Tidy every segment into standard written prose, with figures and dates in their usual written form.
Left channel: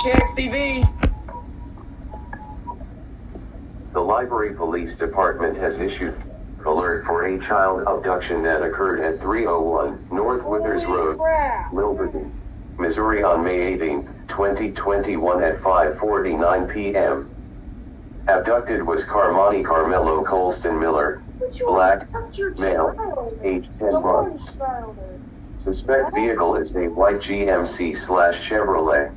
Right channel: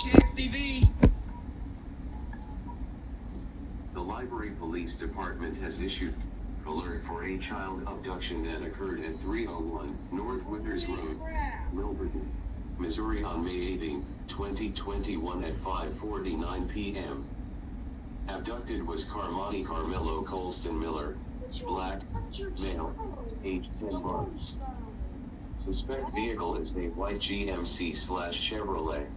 KXCV. The Library Police Department has issued alert for a child abduction that occurred at 301 North Withers Road, Milverton, Missouri on May 18, 2021 at 5:49 p.m. Abducted was Carmani Carmelo Colston Miller, black, male, age 10 months. Suspect vehicle is a white GMC/Chevrolet.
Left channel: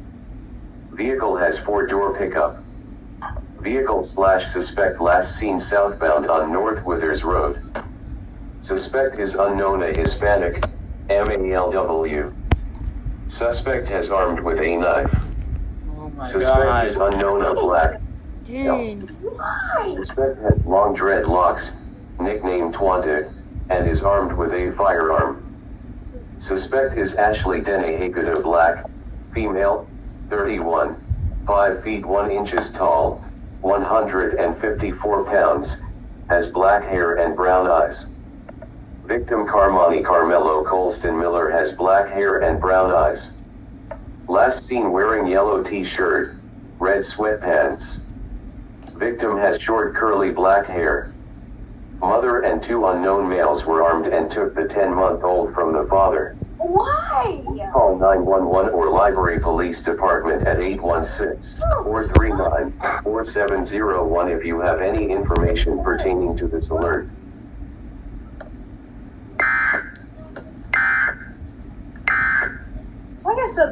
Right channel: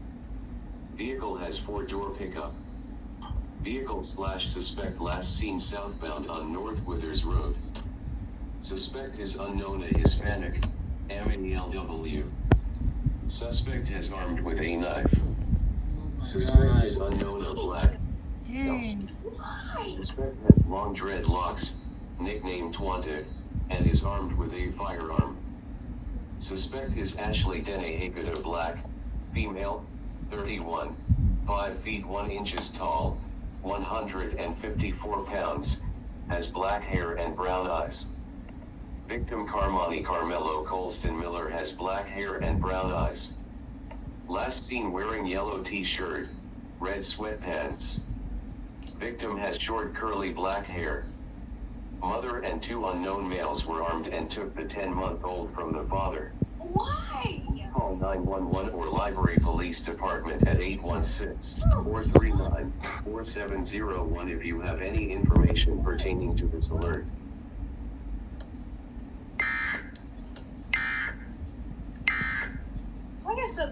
Vehicle has 4-door pickup. Vehicle/suspect last seen southbound on North Withers Road. Suspect is unknown, a Hispanic, MALW. Suspect has armed with a knife. Oh my Suspect God. is unknown, a black. Dang. Suspect has long dreadlocks, nicknamed Twante, and is armed with a firearm. Suspect is Ashley Denehagada, black, female, 31, 5 feet 1 inches tall, 154 pounds, has black hair and brown eyes. Victim Carmani Carmelo Colston Miller has black hair and brown eyes. Last seen wearing yellow t-shirt, red sweatpants. Victim has short curly black hair. Mother and 2 unknown males were armed and took the 10-month-old from the father. Why? Call 911 or Library Police Department at 816-439-4701 if you have any information pertaining to this alert. I guess so.